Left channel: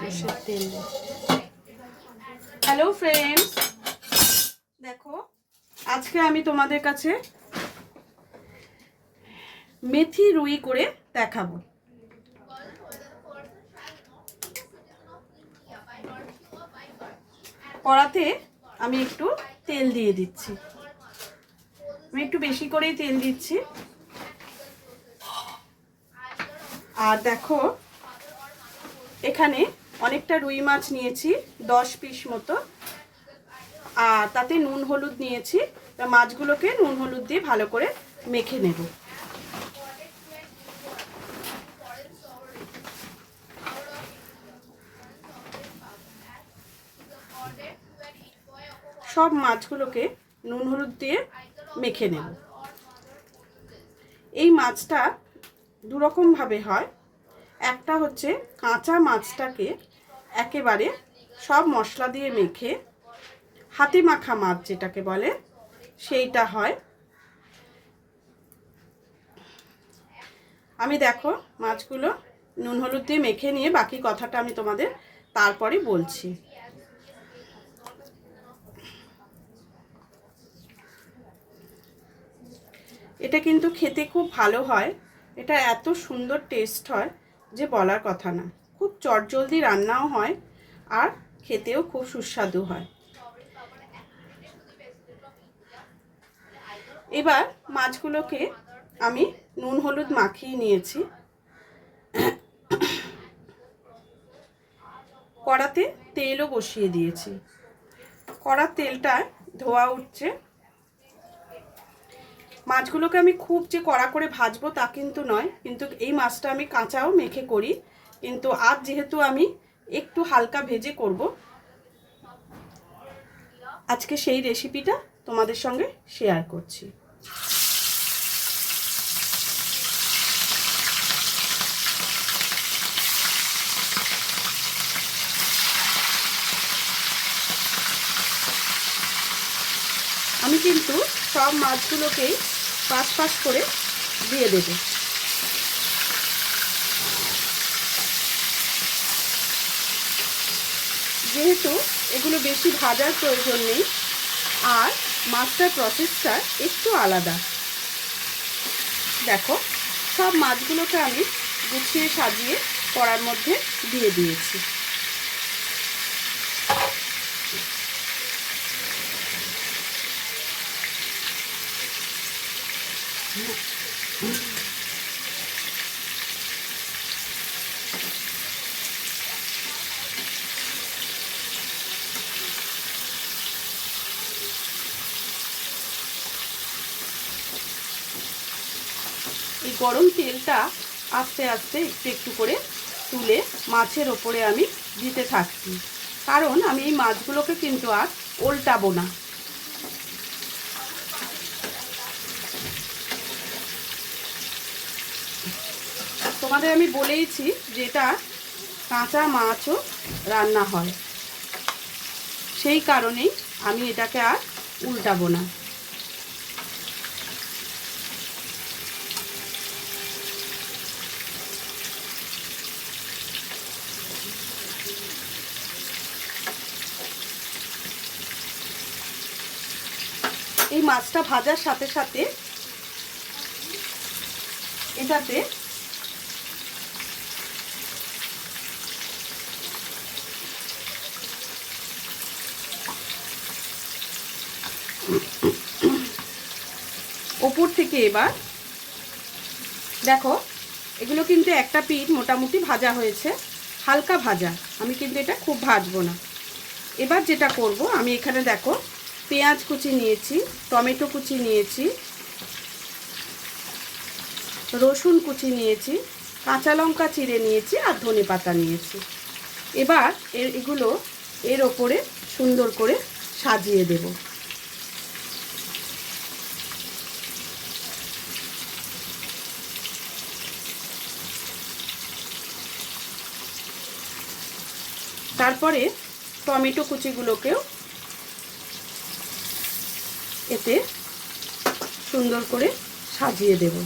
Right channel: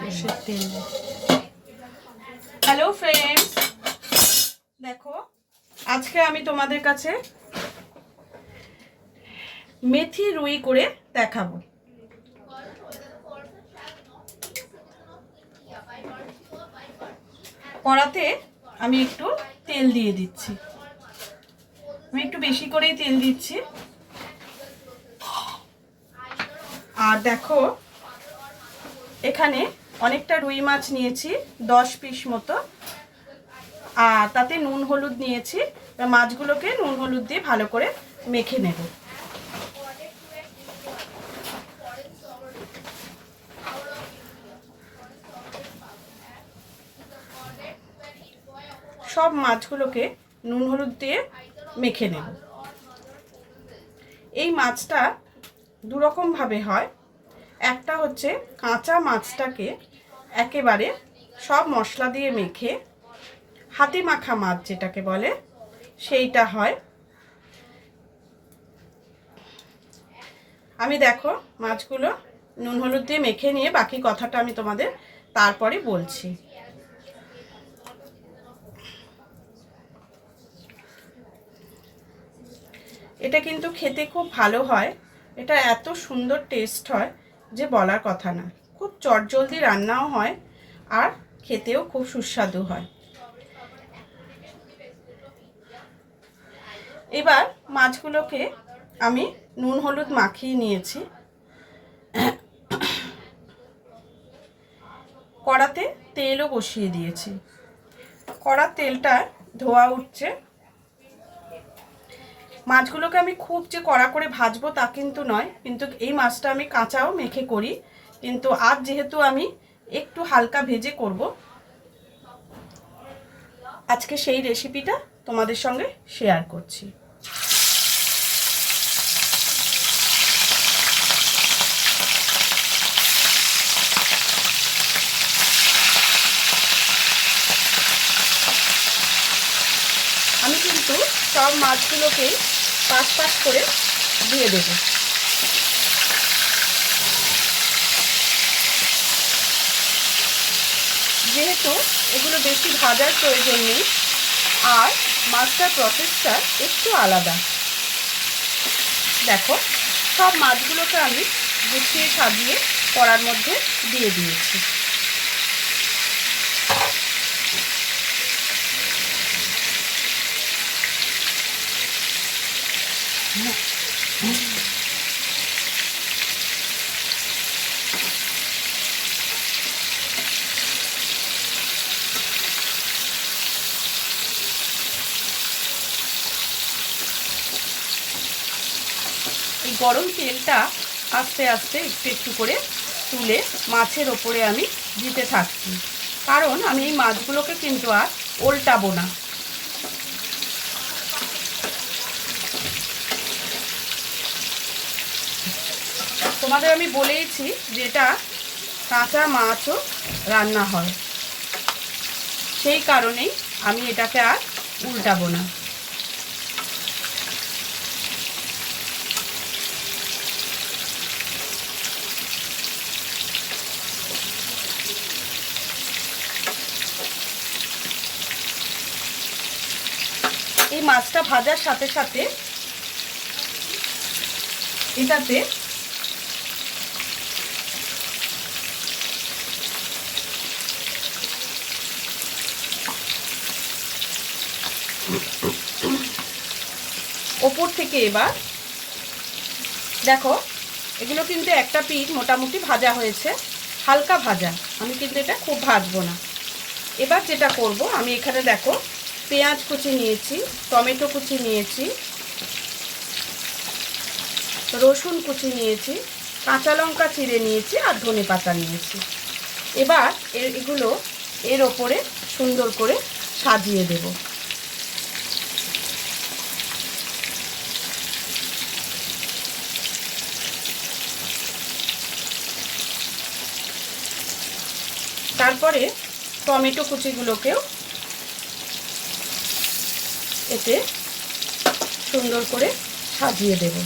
সর্ষের তেল। Hello friends, দেখো আজকে আমি তোমাদের কাছে মেথি রুই করে দেখাবো। কড়াতে আমি একটু তেল দিয়ে দিচ্ছি, আমি একটু বেশি করেই তেল দিচ্ছি। আর দেখো এখানে অনেকটা রুই মাছ নিয়েছি, 10 পিস মতো, আর তাতে নুন হলুদ নিয়েছি। মাছগুলোকে নুন হলুদ দিয়ে ভালো করে মেখে নেব। সব মাছগুলোকে নুন হলুদ দিয়ে মেখে নেব। এই মাছটা দুরকম ভাবে হয়। একটা হচ্ছে কাঁচা মাছটাকে একেবারে সব মশলা দিয়ে মেখে হাতে মাখা মাছ যেটাকে বলে সেইটা হয়। আমি দেখো মাছগুলো নুন হলুদ দিয়ে মেখে নিয়ে বাকি কথাটা আমি তোমাদের তারপরে বলছি। এটা কিন্তু খেতে খুব ভালো হয়, এটা এত সুন্দর টেস্ট হয় যে বলার কথা না। খুব চটজলদি রান্নাও হয় আর খেতেও খুব সুস্বাদু হয়। এবার মাছগুলোকে আমি নুন হলুদ মাখিয়ে নিয়েছি। কড়াতে তেলও বসিয়ে দিয়েছি, কড়ার তেলটা ধোয়া উঠছে। মাছগুলোকে আমি খুব যে কড়া করে ভাজবো তা কিন্তু নয়, কিন্তু এই মাছটা আমি কাঁচাও মেখে করি, কিন্তু আজ যেহেতু আমি একটু হালকা ভেজে করব, আজকে সেই রেসিপিটা তোমাদের সঙ্গে শেয়ার করছি। আমি কিন্তু সব মাছগুলোকেই পাঁচ পাঁচ করে দিয়ে দেব। যেহেতু এগুলো বেশি ভাজার প্রয়োজন নেই, আর মাছটার প্রসেসটা একটু আলাদা। দেখো সব মাছগুলোকে আমি গুছিয়ে সাজিয়ে কড়ার মধ্যে দিয়ে দিয়েছি। এই গরম তেলটা আস্তে আস্তে একটু একটু করে তুলে মাছের ওপরে আমি দিতে থাকছি, কারণ আমি এই মাছগুলোকে কিন্তু আর উল্টাবো না। তোমাদের আমি বলেইছি যে এটা কাঁচা মাছও রান্না হয়, সেই কারণেই আমি এটাকে আর উল্টাবো না। এই মাছটা ভাজার সাথে সাথে এটাতে ওপর থেকে এবার দেখো এগুলো কিন্তু একটা পিঠ মোটামুটি ভাজা হয়েছে, হালকা ভাজা, আমি কিন্তু এটা খুব ভাজবো না। এবার যেটা করব, আমি এখানে দেখো পেঁয়াজ কুচি নিয়েছি, টমেটো কুচি নিয়েছি, রসুন কুচি নিয়েছি, কাঁচা লঙ্কা চিড়ে নিয়েছি, আর ধনেপাতা নিয়েছি। এবার এগুলো এর ওপরে সুন্দর করে সাজিয়ে দেব। তারপরে টমেটো কুচিগুলোকেও এতে সুন্দর করে সাজিয়ে দেব।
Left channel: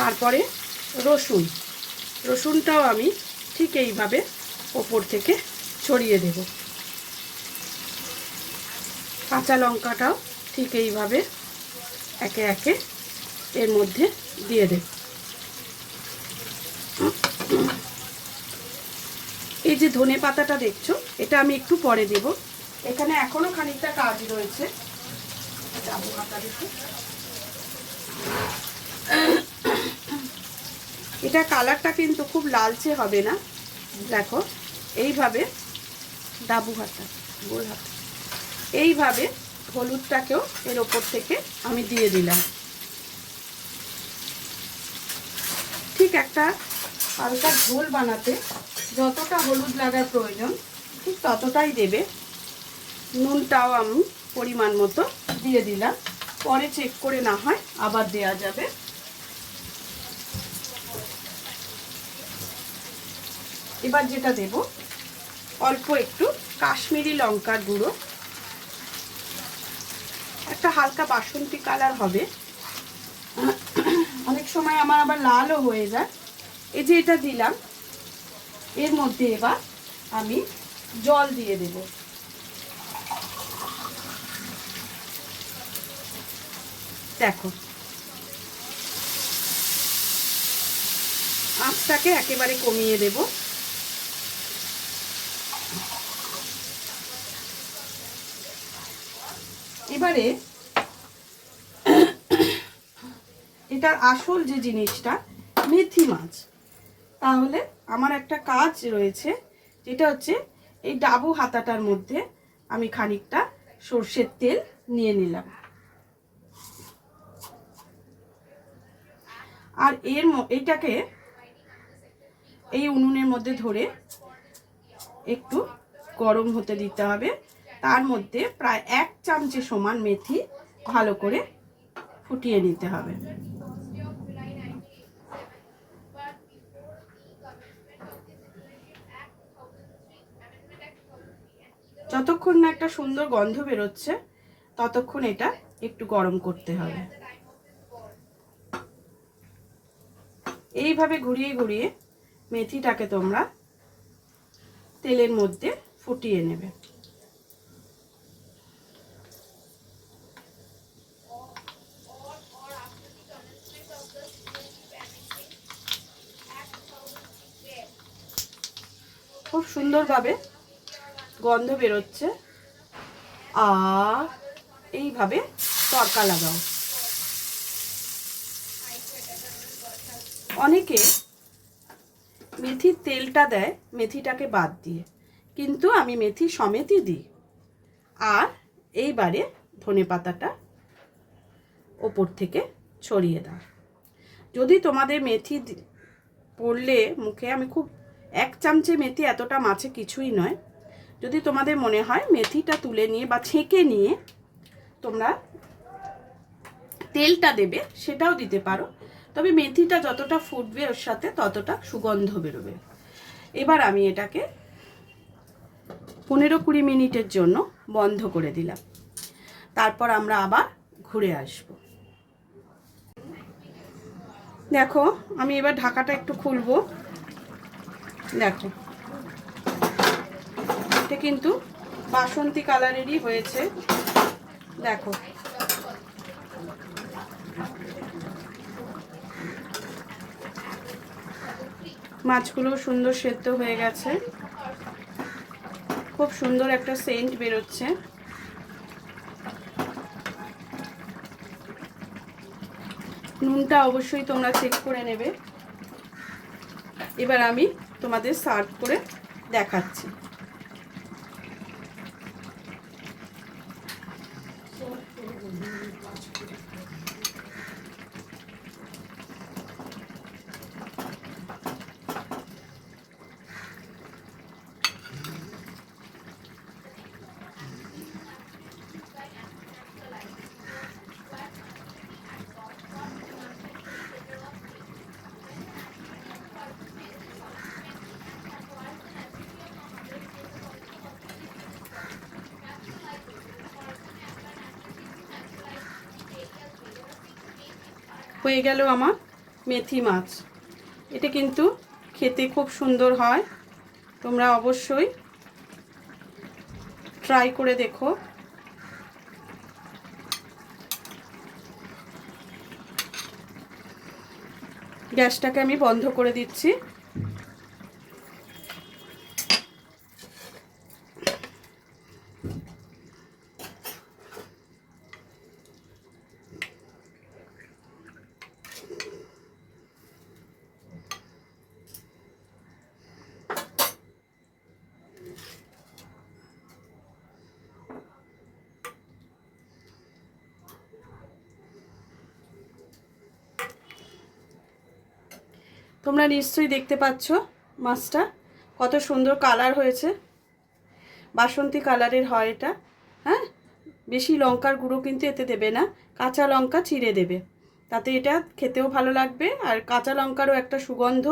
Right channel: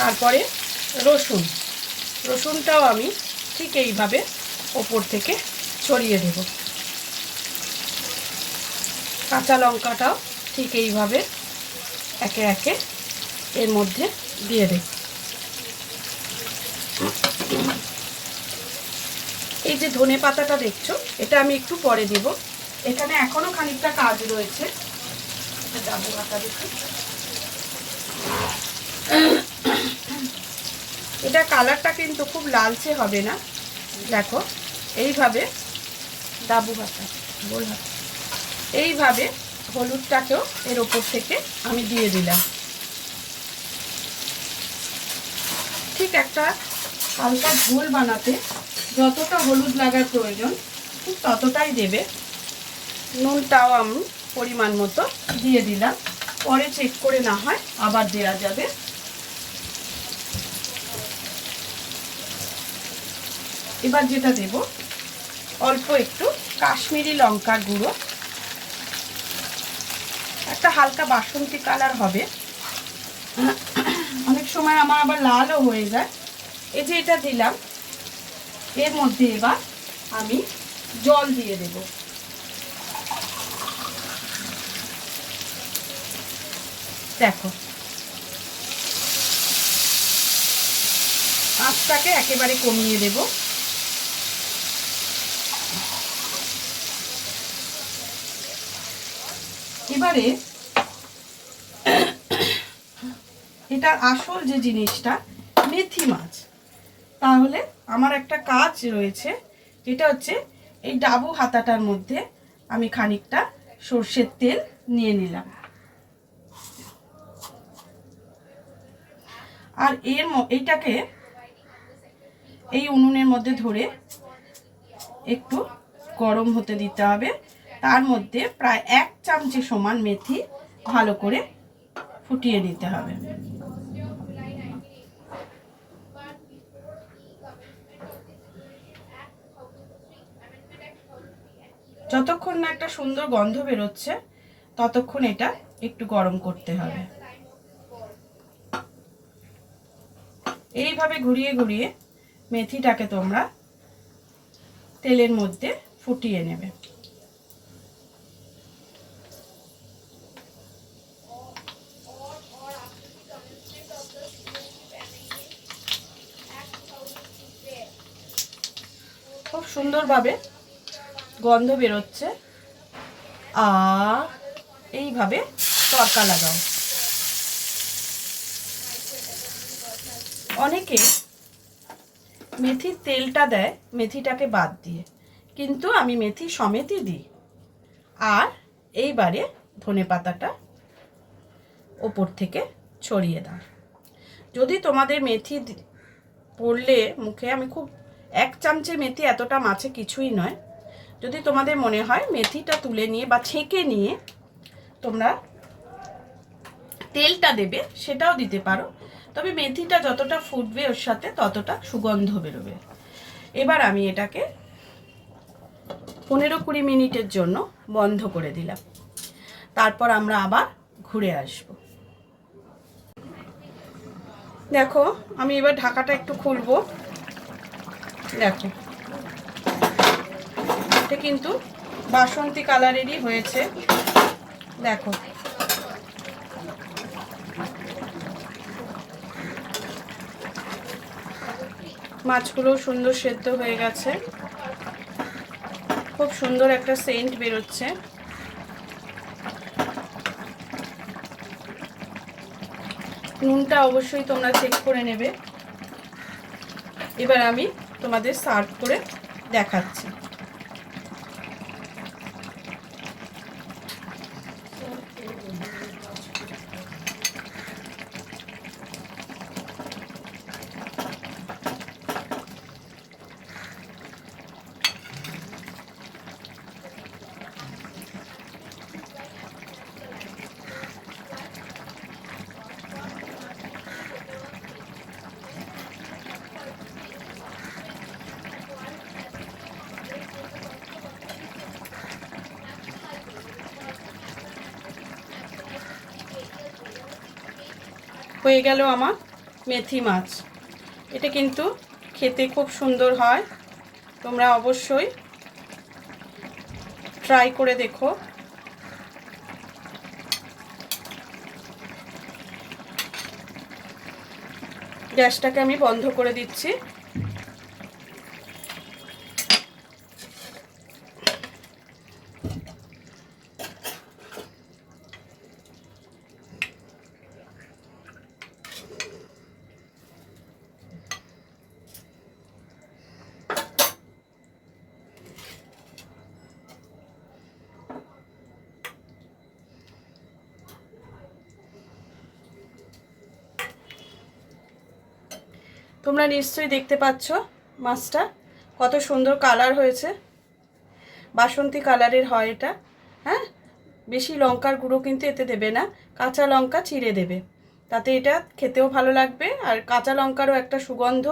তারপরে রসুনটাও আমি ঠিক এইভাবে ওপর থেকে ছড়িয়ে দেব। কাঁচা লঙ্কাটাও ঠিক এইভাবে একে একে এর মধ্যে দিয়ে দেব। এই যে ধনে পাতাটা দেখছো, এটা আমি একটু পরে দেব। এখানে এখনো খানিকটা কাজ রয়েছে। এটা কালারটা কিন্তু খুব লালচে হবে না। দেখো এইভাবে এইভাবে হলুদটাকেও এর ওপর থেকে আমি দিয়ে দিলাম। ঠিক একটা হালকা ঝোল বানাতে যতটা হলুদ লাগার প্রয়োজন ঠিক ততটাই দেবে। নুনটাও আমি পরিমাণ মতো দিয়ে দিলাম, পরে চেক করে না হয় আবার দেওয়া যাবে। এবার যেটা দেব, অল্প একটু কাশ্মীরি লঙ্কার গুঁড়ো, একটা হালকা বাসন্তী কালার হবে। অনেক সময় আমার আবার লালও হয়ে যায়। এই যে এটা দিলাম, এর মধ্যে এবার আমি জল দিয়ে দেব। দেখো আঁচটাকে একেবারে কমিয়ে দেব। এবারে এটার আসল যে জিনিসটা, মেথি মাছ। তাহলে আমার একটা কাজ রয়েছে, যেটা হচ্ছে এই ডাবু হাতাটার মধ্যে আমি খানিকটা সর্ষের তেল নিয়ে নিলাম, আর এইটাকে এই উনুনের মধ্যে ধরে একটু গরম হতে দিতে হবে। তার মধ্যে প্রায় 1 চামচে সমান মেথি ভালো করে ফুটিয়ে নিতে হবে। যতক্ষণ না একটা সুন্দর গন্ধ বেরোচ্ছে ততক্ষণ এটা একটু গরম করতে হবে। এইভাবে ঘুরিয়ে ঘুরিয়ে মেথিটাকে তোমরা তেলের মধ্যে ফুটিয়ে নেবে। খুব সুন্দরভাবে গন্ধ বেরোচ্ছে। আর এইভাবে তড়কা লাগাও। অনেকে মেথির তেলটা দেয় মেথিটাকে বাদ দিয়ে, কিন্তু আমি মেথি সমেতই দিই। আর এইবারে ধনে পাতাটা ওপর থেকে ছড়িয়ে দাও। যদি তোমাদের মেথি পড়লে মুখে, আমি খুব 1 চামচে মেথি এতটা মাছে কিছুই নয়, যদি তোমাদের মনে হয় মেথিটা তুলে নিয়ে বা ছেঁকে নিয়ে তোমরা তেলটা দেবে, সেটাও দিতে পারো। তবে মেথিটা যতটা ফুটবে ওর সাথে ততটা সুগন্ধ বেরোবে। এবার আমি এটাকে 15-20 মিনিটের জন্য বন্ধ করে দিলাম। তারপর আমরা আবার ঘুরে আসব। দেখো আমি এবার ঢাকাটা একটু খুলবো। দেখো এটা কিন্তু বাসন্তী কালারেরই হয়েছে। দেখো মাছগুলো সুন্দর সেদ্ধ হয়ে গেছে, খুব সুন্দর একটা সেন্ট বেরোচ্ছে। নুনটা অবশ্যই তোমরা চেক করে নেবে। এবার আমি তোমাদের সার্ভ করে দেখাচ্ছি। হয়ে গেল আমার মেথি মাছ। এটা কিন্তু খেতে খুব সুন্দর হয়, তোমরা অবশ্যই ট্রাই করে দেখো। গ্যাসটাকে আমি বন্ধ করে দিচ্ছি। তোমরা নিশ্চয়ই দেখতে পাচ্ছ মাছটা কত সুন্দর কালার হয়েছে, বাসন্তী কালারের হয় এটা। হ্যাঁ, বেশি লঙ্কার গুঁড়ো কিন্তু এতে দেবে না, কাঁচা লঙ্কা চিড়ে দেবে, তাতে এটা খেতেও ভালো লাগবে। আর কাঁচা লঙ্কারও একটা সুগন্ধ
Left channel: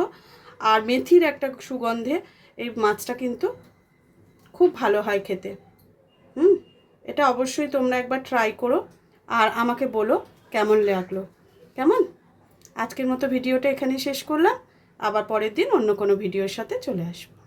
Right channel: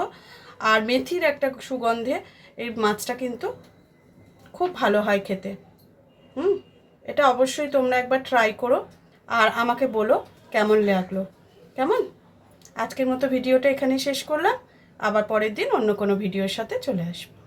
আর মেথির একটা সুগন্ধে এই মাছটা কিন্তু খুব ভালো হয় খেতে। এটা অবশ্যই তোমরা একবার ট্রাই করো আর আমাকে বলো কেমন লাগলো। কেমন? আজকের মতো ভিডিওটা এখানেই শেষ করলাম, আবার পরের দিন অন্য কোনো ভিডিওর সাথে চলে আসবো।